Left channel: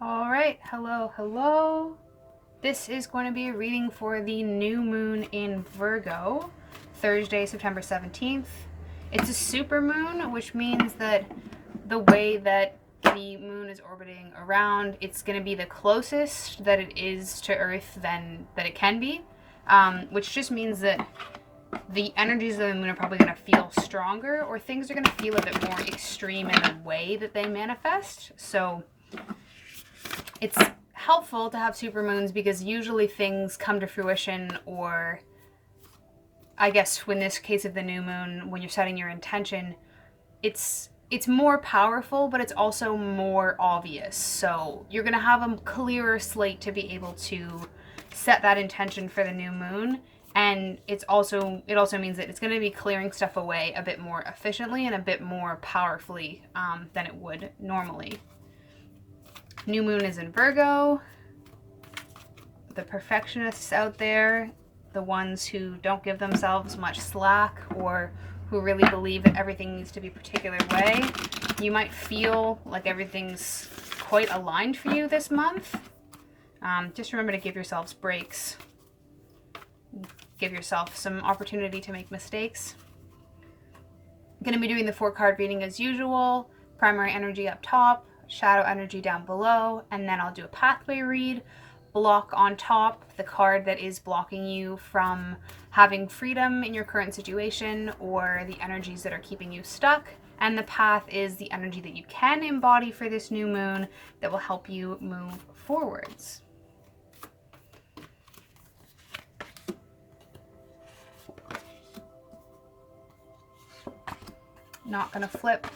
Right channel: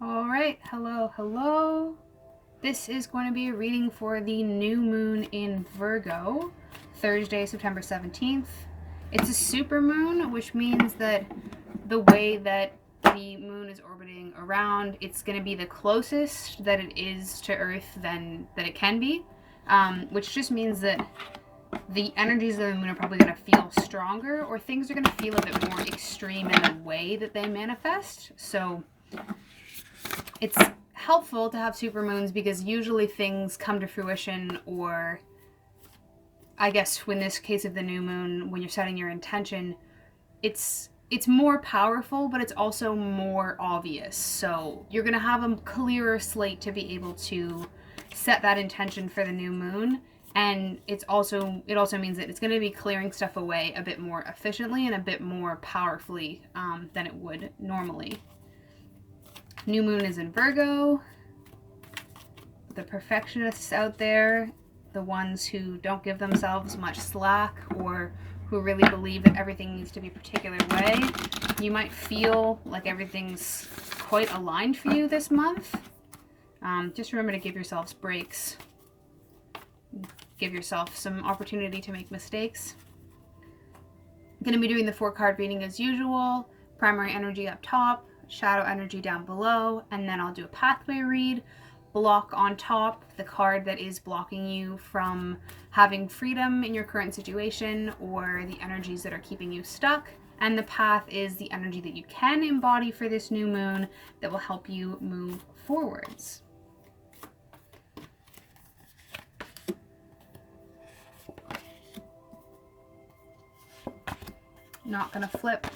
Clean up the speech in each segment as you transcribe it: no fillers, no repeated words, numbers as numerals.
All right, hello. This is going to be a reading for the new moon in Virgo, Thursday, September 17th. It's a super moon, which means that the way that the moon is orbiting around, it's going to be the closest that it is to Earth than that it can be, which just means that the energies of the moon are probably going to feel stronger, or things are going to feel a bit more extreme in the way that they manifest. So it's helpful to have supermoons because usually things come to fruition, or I guess in this case of the new moon, when you're setting your intention, it's more powerful, but it's also more obvious. So you're going to have a clearer slate to be able to set that intention for the new moon. And it also means that it's going to be clearing stuff away a bit more efficiently and a bit more powerfully than it would normally. New moon is in Virgo. The perfectionists out there, the ones who don't give themselves much slack, or who really believe that everything needs to be a particular way, you might feel like everything's quite aligned for you this month. Just remember to give yourselves breaks. Give yourself some opportunity to make mistakes. I'm going to be doing the 4-card reading as usual. Primary energy up top, shadow energy down below, and then I'll do a pathway read. Block on top, the card that is blocking you from having freedom in your current situation, or the energies that are keeping you stuck. And the path is the energy that you can embody for this new moon that will help you move forwards. Not going to flip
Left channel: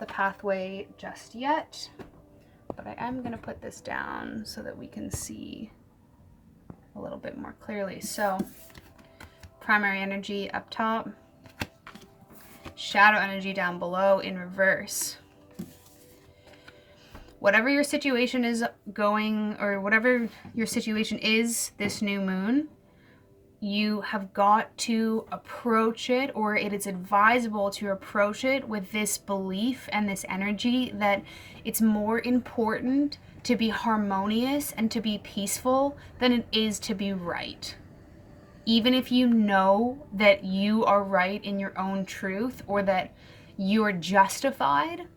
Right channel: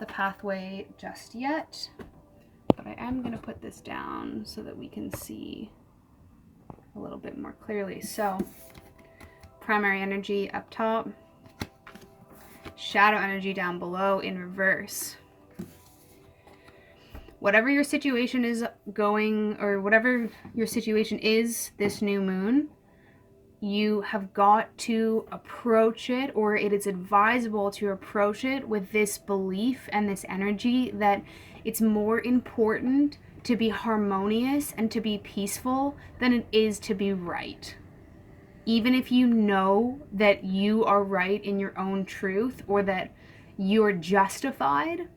the pathway just yet, but I am going to put this down so that we can see a little bit more clearly. So, primary energy up top, shadow energy down below in reverse. Whatever your situation is going, or whatever your situation is this new moon, you have got to approach it, or it is advisable to approach it with this belief and this energy that it's more important to be harmonious and to be peaceful than it is to be right. Even if you know that you are right in your own truth, or that you're justified,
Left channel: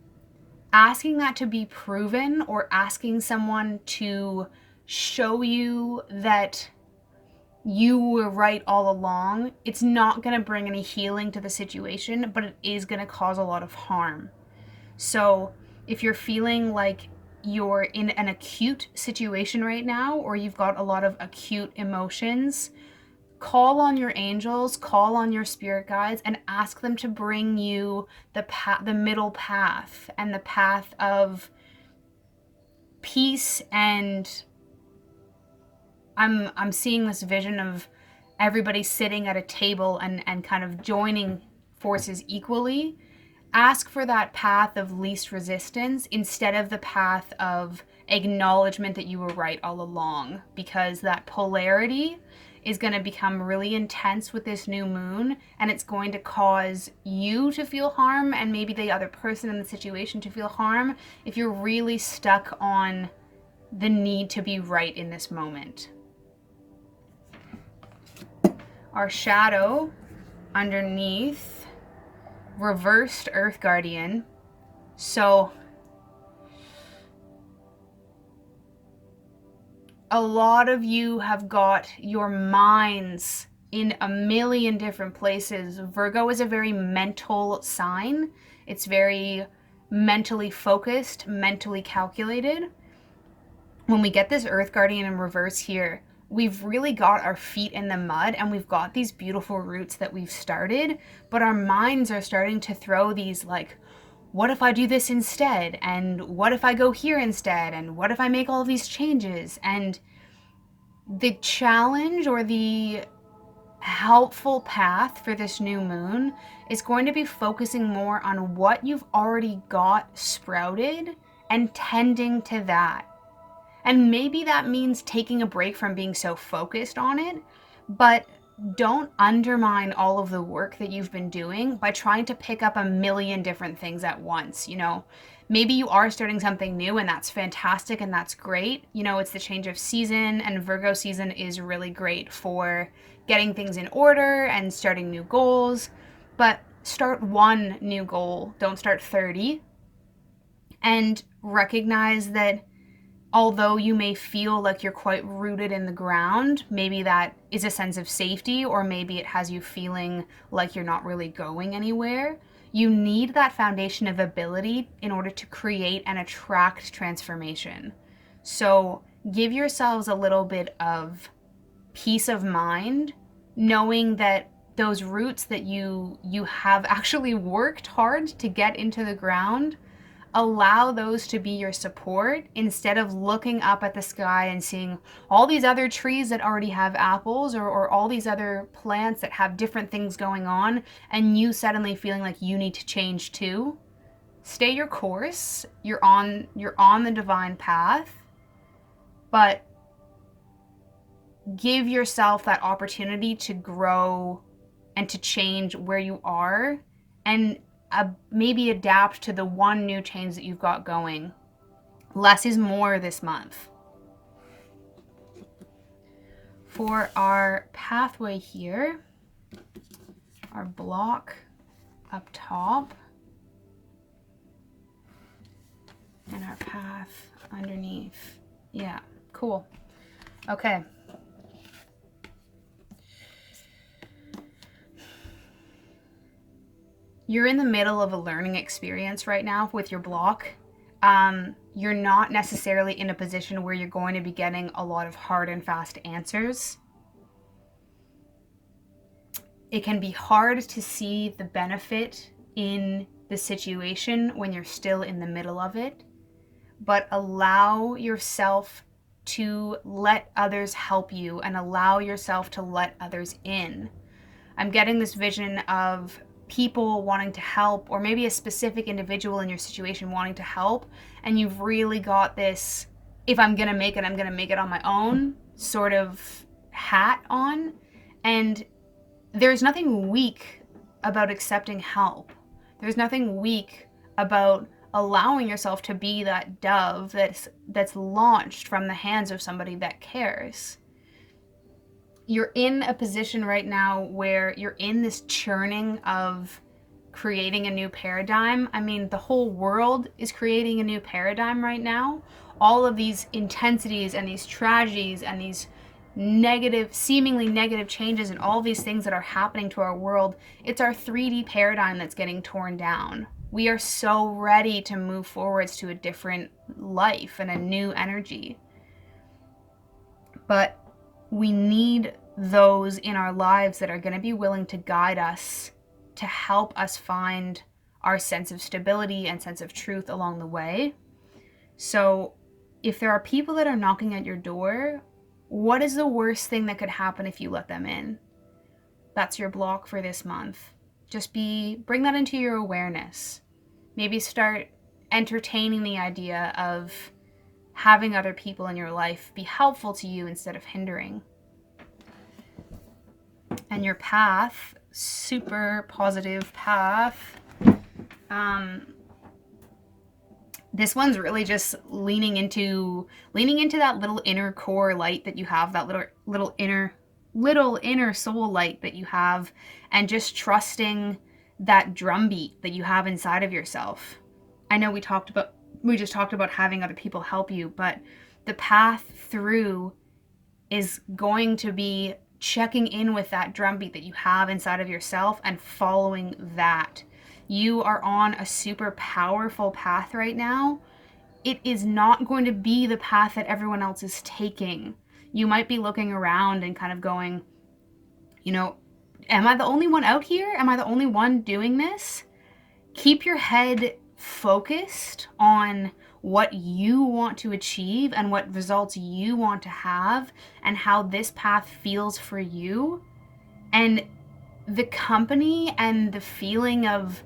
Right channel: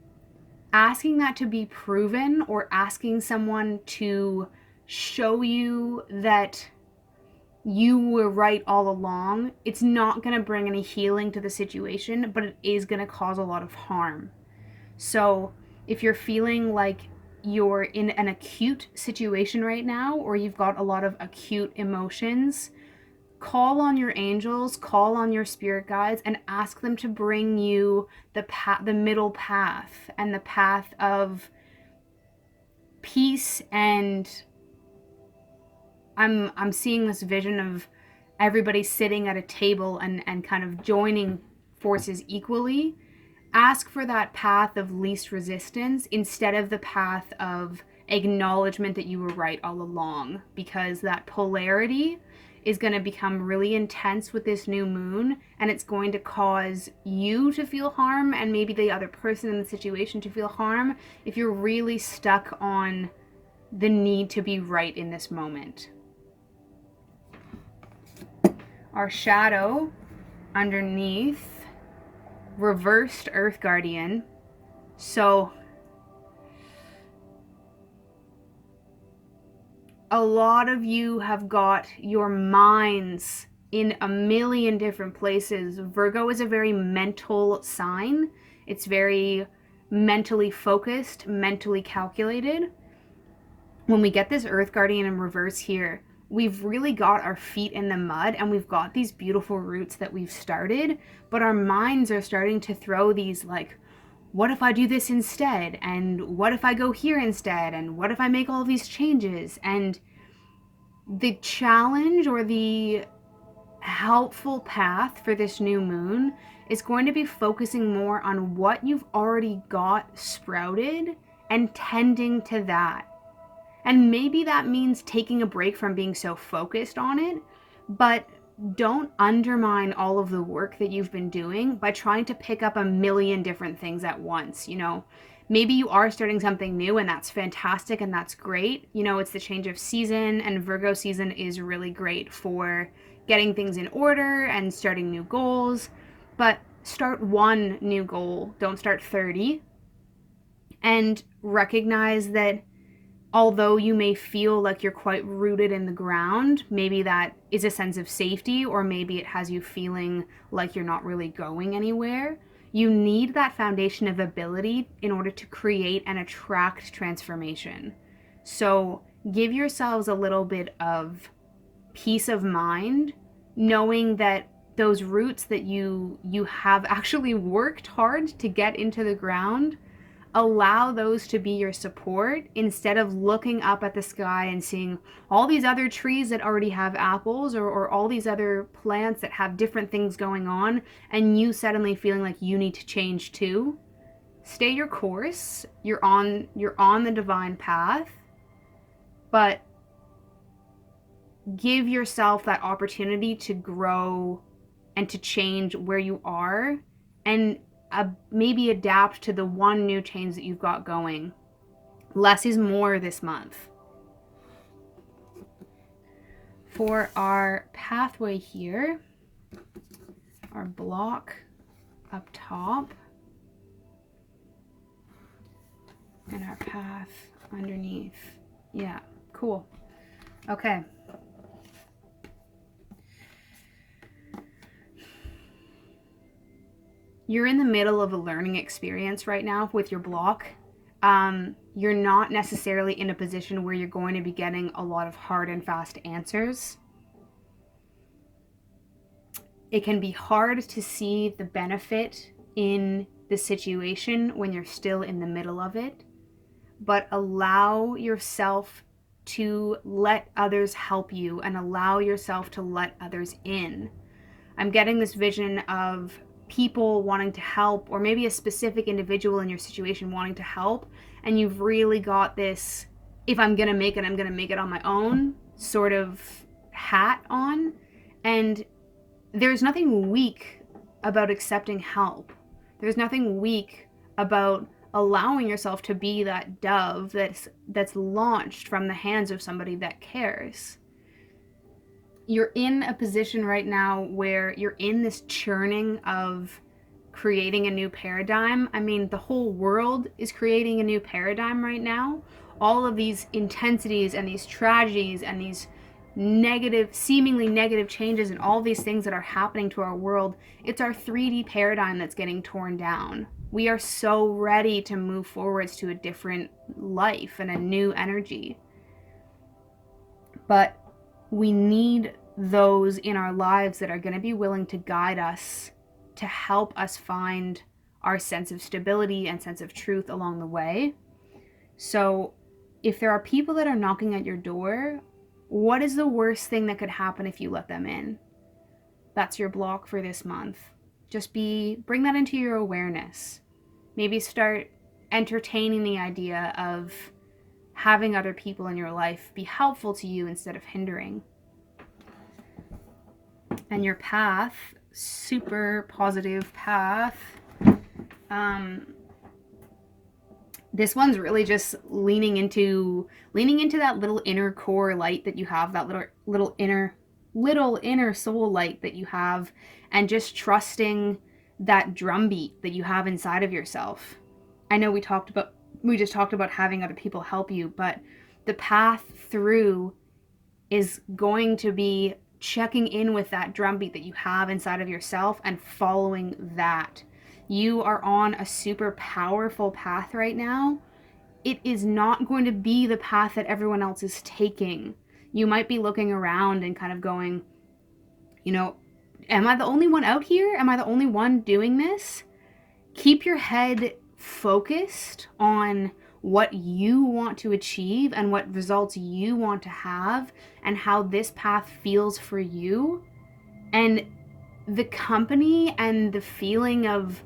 asking that to be proven, or asking someone to show you that you were right all along, it's not going to bring any healing to the situation, but it is going to cause a lot of harm. So if you're feeling like you're in an acute situation right now, or you've got a lot of acute emotions, call on your angels, call on your spirit guides, and ask them to bring you the middle path, and the path of peace. And I'm seeing this vision of everybody sitting at a table and kind of joining forces equally. Ask for that path of least resistance instead of the path of acknowledgement that you were right all along, because that polarity is going to become really intense with this new moon, and it's going to cause you to feel harm, and maybe the other person in the situation to feel harm, if you're really stuck on the need to be right in this moment. Our shadow underneath, reversed Earth Guardian. So a lot of you have got your minds in a million different places. Virgo is a very mental sign. It's very mentally focused, mentally calculated. When we get this Earth Guardian in reverse here, we've really got our feet in the mud, and we've got these beautiful roots that we've started, but our minds are starting to throw these like, what if I do this instead? And what if I go here instead? And what if I make all of these changes? And the challenge, or the helpful path for this new moon, is going to be focusing more on what you've already got sprouted and tending to that. And maybe that means taking a break from being so focused on it, but don't undermine all of the work that you've been doing by trying to pick up a million different things at once. Maybe you are starting something new, and that's fantastic and that's great. It's the change of season, and Virgo season is really great for getting things in order and starting new goals. But start one new goal, don't start 30. And recognize that although you may feel like you're quite rooted in the ground, maybe that is a sense of safety, or maybe it has you feeling like you're not really going anywhere. You need that foundation of ability in order to create and attract transformation. So give yourselves a little bit of peace of mind, knowing that those roots that you have actually worked hard to get into the ground, allow those to be your support instead of looking up at the sky and seeing all these other trees that already have apples, or all these other plants that have different things going on, and you suddenly feeling like you need to change too. Stay your course. You're on the divine path, but give yourself that opportunity to grow and to change where you are, and maybe adapt to the one new change that you've got going. Less is more this month. For our pathway here, our block up top, and our path underneath. Yeah, cool. Okay. You're in the middle of a learning experience right now with your block. You're not necessarily in a position where you're going to be getting a lot of hard and fast answers. It can be hard to see the benefit in the situation when you're still in the middle of it, but allow yourself to let others help you, and allow yourself to let others in. I'm getting this vision of people wanting to help, or maybe a specific individual in your situation wanting to help, and you've really got this, if I'm gonna make it, I'm gonna make it on my own sort of hat on. And there's nothing weak about accepting help. There's nothing weak about allowing yourself to be that dove that's launched from the hands of somebody that cares. You're in a position right now where you're in this churning of creating a new paradigm. I mean, the whole world is creating a new paradigm right now. All of these intensities and these tragedies and these seemingly negative changes, and all these things that are happening to our world, it's our 3D paradigm that's getting torn down. We are so ready to move forwards to a different life and a new energy. But we need those in our lives that are going to be willing to guide us, to help us find our sense of stability and sense of truth along the way. So if there are people that are knocking at your door, what is the worst thing that could happen if you let them in? That's your block for this month. Just bring that into your awareness. Maybe start entertaining the idea of having other people in your life be helpful to you instead of hindering. And your path, super positive path. This one's really just leaning into that little inner core light that you have, that little inner soul light that you have, and just trusting that drumbeat that you have inside of yourself. I know we just talked about having other people help you, but the path through is going to be checking in with that drumbeat that you have inside of yourself and following that. You are on a super powerful path right now. It is not going to be the path that everyone else is taking. You might be looking around and kind of going, am I the only one out here? Am I the only one doing this? Keep your head focused on what you want to achieve and what results you want to have, and how this path feels for you. And the company and the feeling of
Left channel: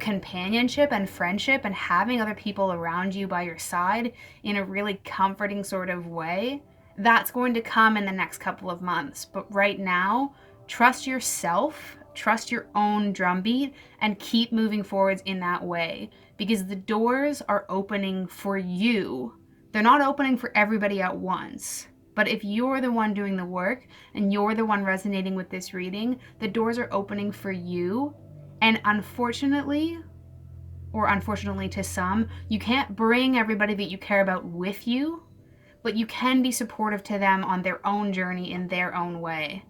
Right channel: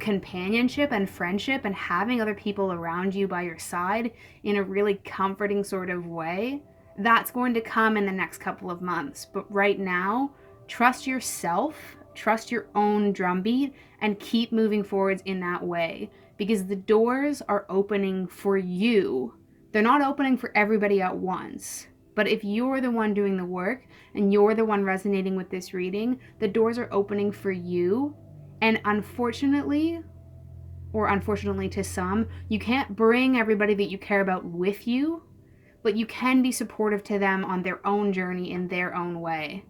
companionship and friendship and having other people around you by your side in a really comforting sort of way, that's going to come in the next couple of months. But right now, Trust yourself, trust your own drumbeat, and keep moving forwards in that way, because the doors are opening for you. They're not opening for everybody at once. But if you're the one doing the work and you're the one resonating with this reading, the doors are opening for you. And unfortunately, or unfortunately to some, you can't bring everybody that you care about with you, but you can be supportive to them on their own journey in their own way.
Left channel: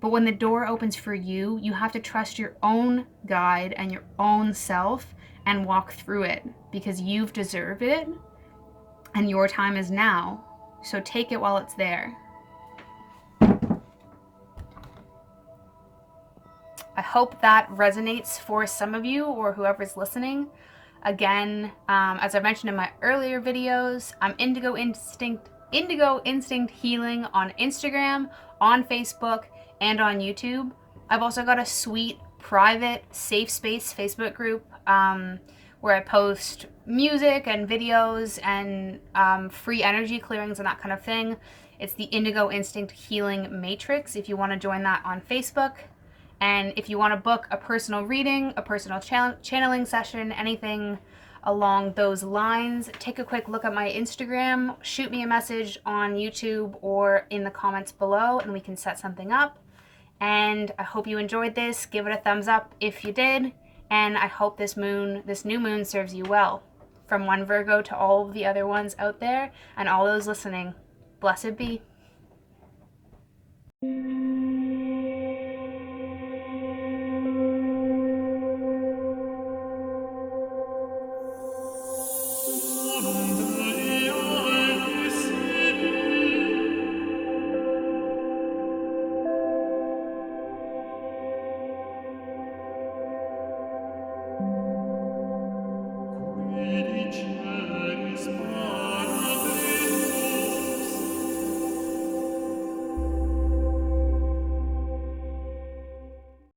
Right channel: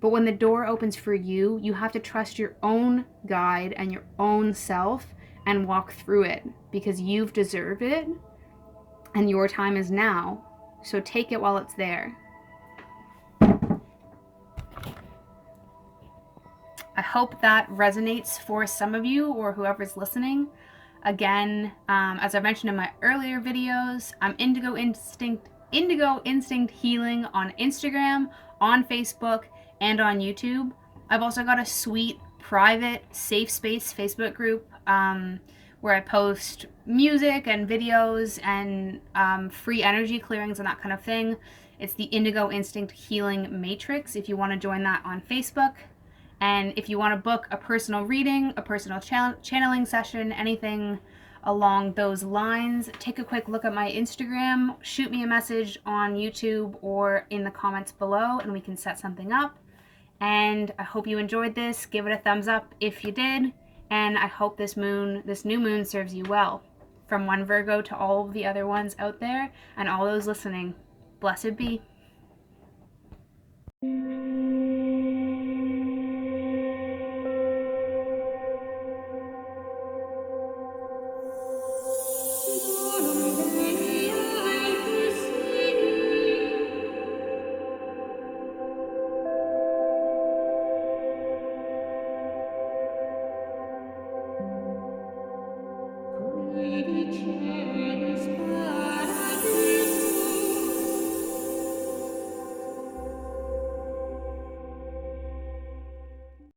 But when the door opens for you, you have to trust your own guide and your own self and walk through it, because you've deserved it and your time is now. So take it while it's there. I hope that resonates for some of you or whoever's listening. Again, as I mentioned in my earlier videos, I'm Indigo Instinct Healing on Instagram, on Facebook, and on YouTube. I've also got a sweet, private, safe space Facebook group where I post music and videos and free energy clearings and that kind of thing. It's the Indigo Instinct Healing Matrix if you want to join that on Facebook. And if you want to book a personal reading, a personal channeling session, anything along those lines, take a quick look at my Instagram, shoot me a message on YouTube or in the comments below, and we can set something up. And I hope you enjoyed this. Give it a thumbs up if you did. And I hope this new moon serves you well. From one Virgo to all of the other ones out there and all those listening, blessed be.